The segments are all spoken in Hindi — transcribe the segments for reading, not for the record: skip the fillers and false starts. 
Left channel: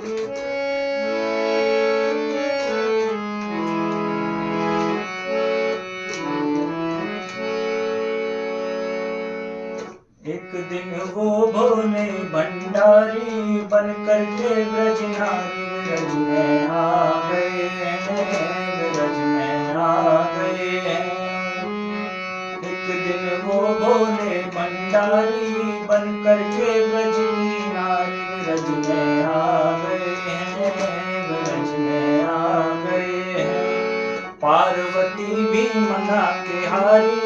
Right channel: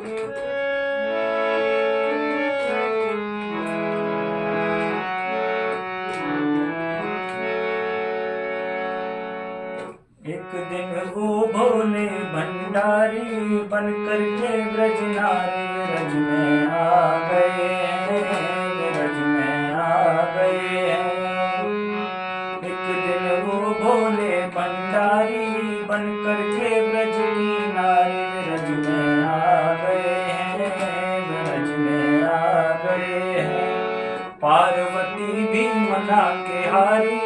एक दिन वो भोले भंडारी बन करके ब्रज नारी ब्रज में आ गए ब्रज में आ गए। एक दिन वो भोले भंडारी बन करके ब्रज की नारी ब्रज में आ गए ब्रज में आ गए। पार्वती भी मना के हारी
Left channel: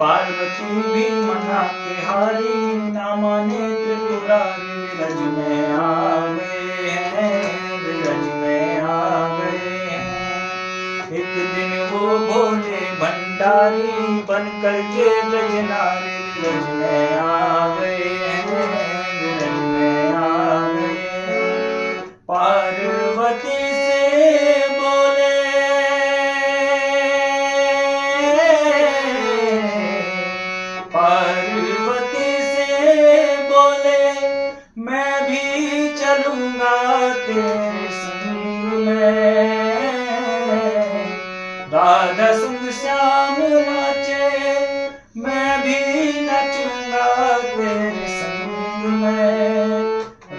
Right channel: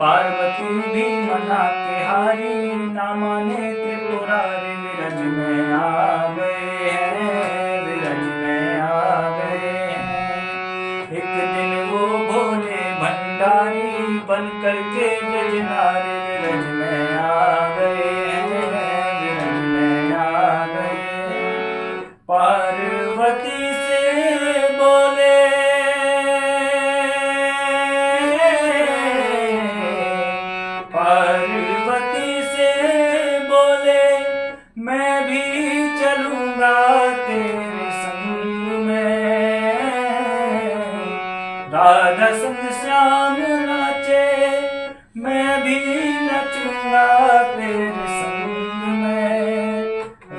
पार्वती भी मना के हारी ना माने त्रिपुरारी ब्रज में आ गए ब्रज में आ गए। एक दिन वो भोले भंडारी बन करके ब्रज नारी ब्रज में आ गए ब्रज में आ गए। पार्वती से बोले पार्वती से बोले मैं भी चलूंगा तेरे संग में। राधा संग श्याम नाचे मैं भी नचूंगा तेरे संग में।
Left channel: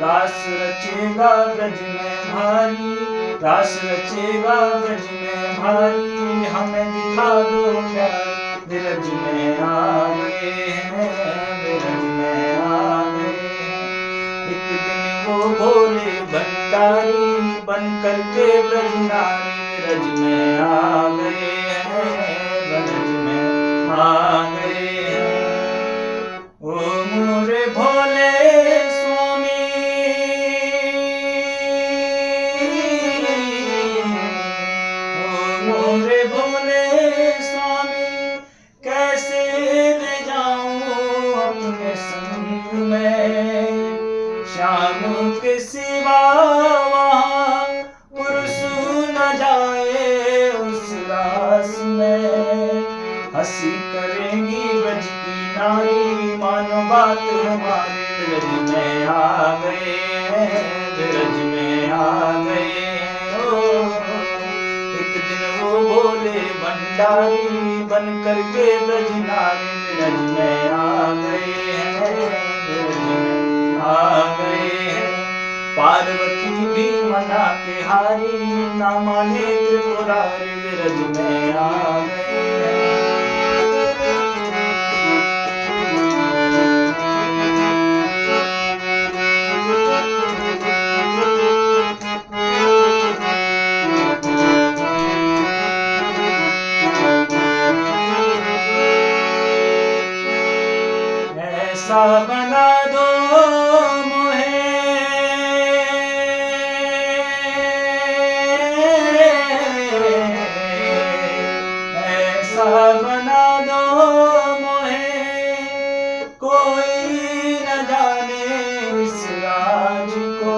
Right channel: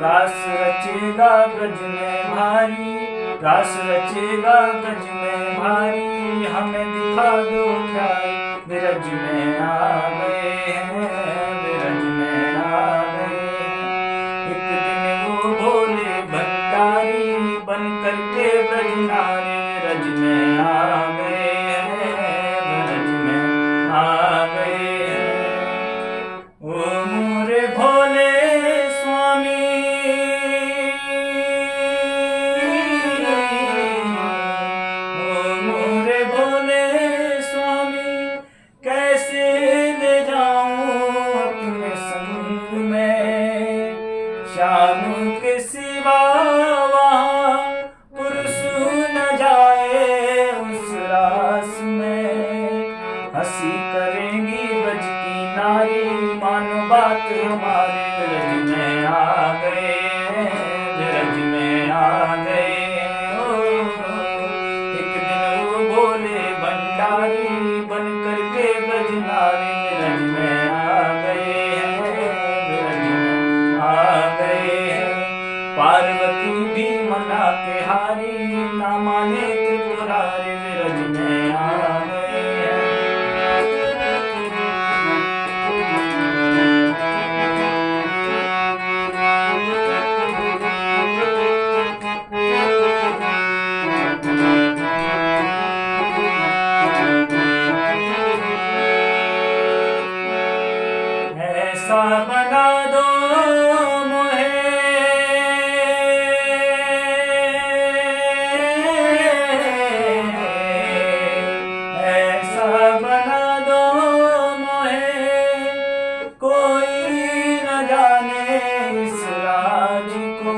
रास रचेगा ब्रज में भारी रास रचेगा ब्रज में भारी हमें दिखा दो प्यार ब्रज में आ गए ब्रज में आ गए। एक दिन वो भोले भंडारी बन करके ब्रज नारी ब्रज में आ गए ब्रज में आ गए। ओ मोरे भोले स्वामी ओ मोरे भोले स्वामी कैसे ले जाऊं अपने संग में। श्याम के सिवा वहाँ पुरुष न जाए उस रास में। हंसी करेंगी ब्रज की नारी मानो बात हमारे ब्रज में आ गए ब्रज में आ गए। एक दिन वो भोले भंडारी बन करके ब्रज नारी ब्रज में आ गए ब्रज में आ गए। पार्वती भी मना के हारी ना माने त्रिपुरारी ब्रज में आ गए। ऐसा बना दो मुझे ऐसा बना दो मुझे कोई न जाने इस राज को।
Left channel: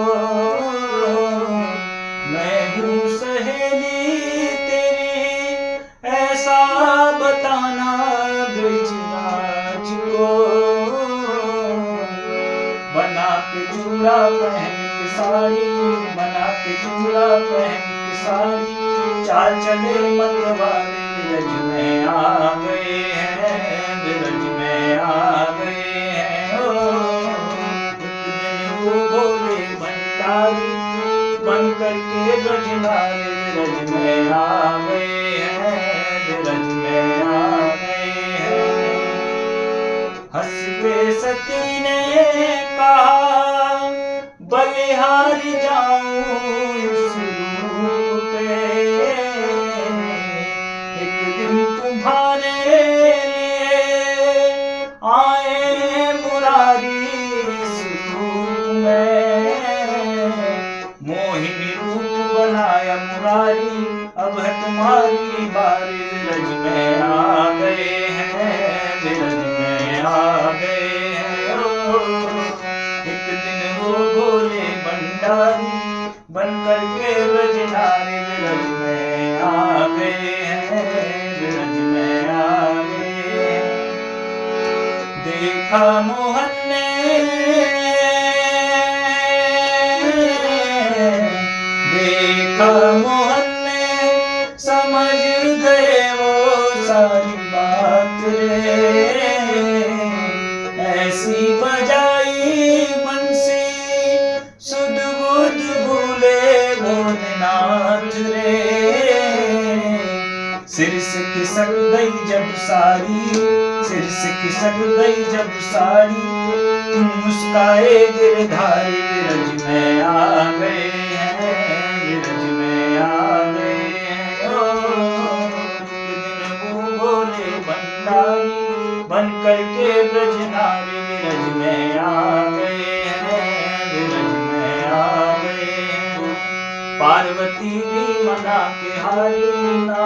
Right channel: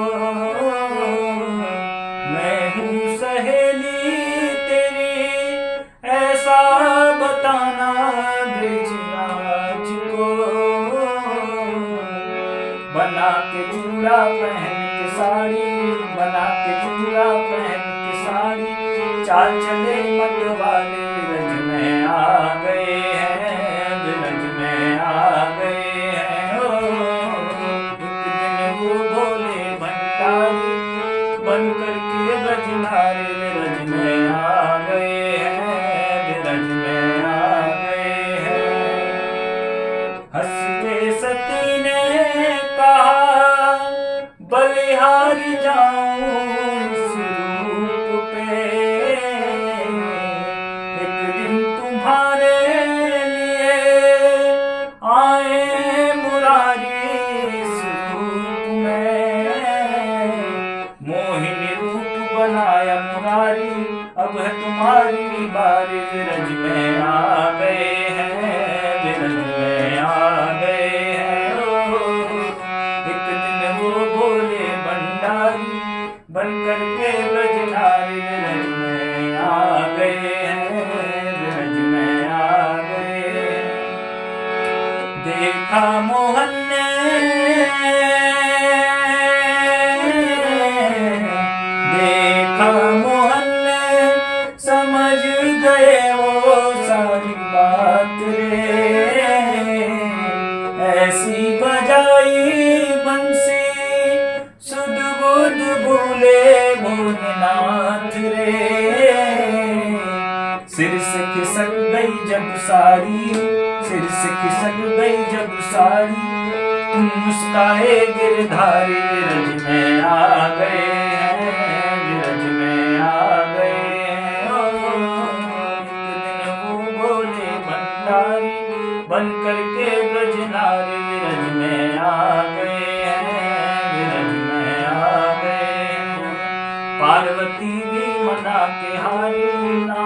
मैं हूँ सहेली तेरी ऐसा बताना ब्रजराज को। बना के चूड़ा पहन के साड़ी बना के चूड़ा पहन के साड़ी चाल चले मत वाले ब्रज में आ गए ब्रज में आ गए एक दिन वो भोले भंडारी बन करके ब्रज नारी ब्रज में आ गए ब्रज में आ गए। हंसते सती ने कहा बलिहारी जाऊं इस रूप पे। एक दिन तुम्हारे लिए आए मुरारी इस रूप में। मोहिनी रूप बनाया मुरारी अब है तुम्हारी बारी ब्रज में आ गए ब्रज में आ गए। एक दिन वो भोले भंडारी बन करके ब्रज नारी ब्रज में आ गए ब्रज में आ गए। देखा मोहन ने देखा मोहन ने समझ गए वो सारी बात रे, ऐसी बजाई बंसी सुध बुध भूले भोलेनाथ रे। सिर से खिसक गई जब सारी, सिर से खिसक गई जब सारी, मुस्काए गिरधारी विरज में आ गए हैं, विरज में आ गए हैं। एक दिन वो भोले भंडारी बन करके ब्रजनारी विरज में आ गए हैं, विरज में आ गए हैं। पार्वती भी मना के हारी ना